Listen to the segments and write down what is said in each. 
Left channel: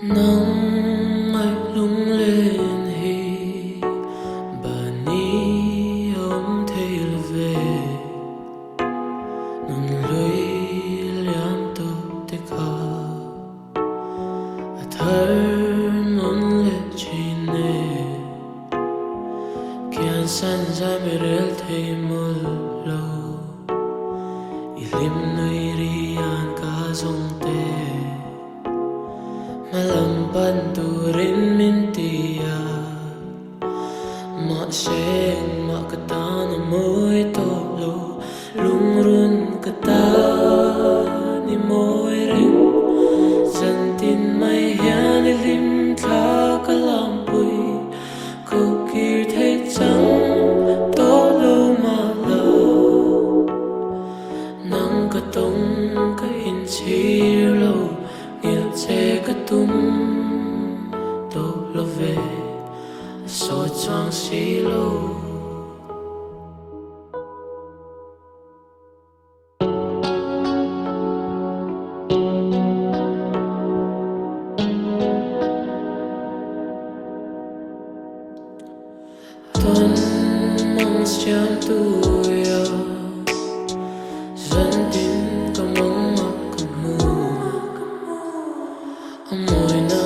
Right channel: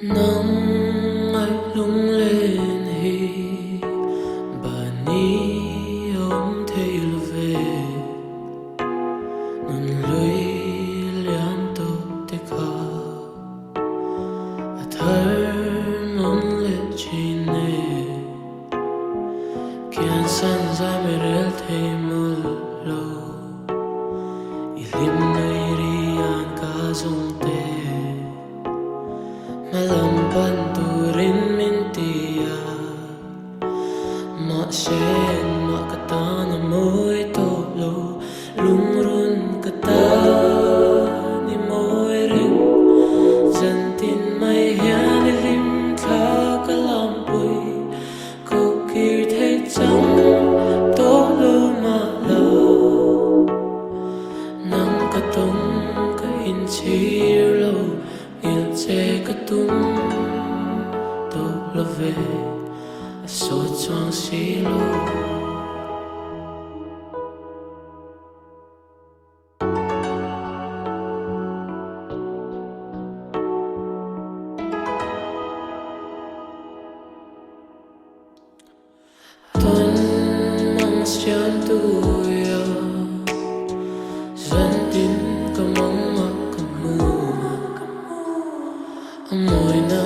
nắng ai lung lên hi bà ni ông thấy là về nâng lưới liam tô tê khá thở non lệ chi nê kian san dài mê rel thấy mơ lâu ilim nơi rian ka zong tê malampan turin mintia ma seng ma kata na mo'y tolo lungrun kata ni mo'y ring zantin may hiyan ilim tla kalampoy kukir thay chang tolo malaw nang katong ka inchiro ngil che ka tum to love so chang silo tuần mang xiêm tu yo dân tin có mong mặc cầm mù amoy na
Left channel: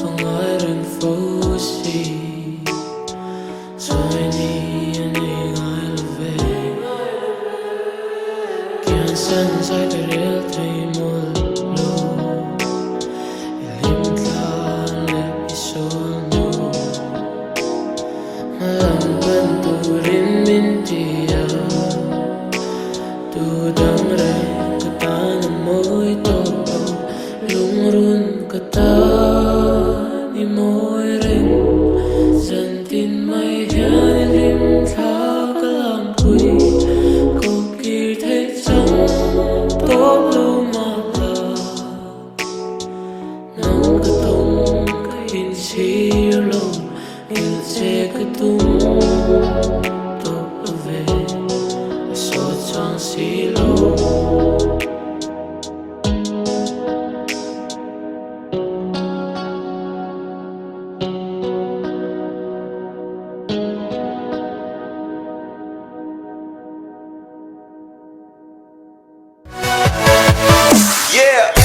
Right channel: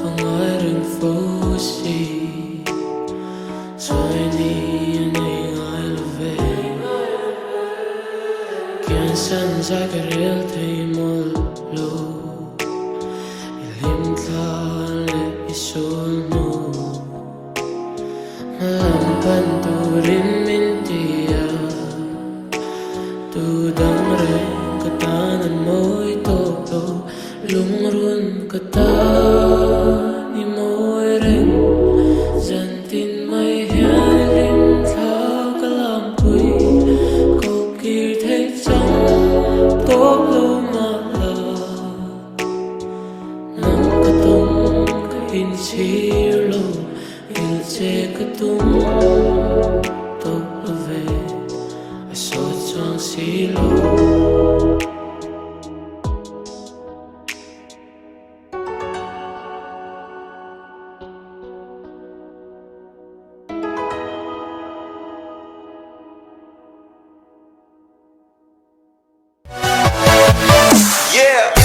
pangaring fosi soy ni aning I love kian san sai ka rel thay mol lo ilim tla le isul no malampan turin mintia tudang re katanan mo'y tolo lungrun kata ni mo'y ring zantin may hiyan ilim tla kalampoy kukir thay chang tolo malaw nang katong kain silo ngil che katum to love so chang silo Yeah.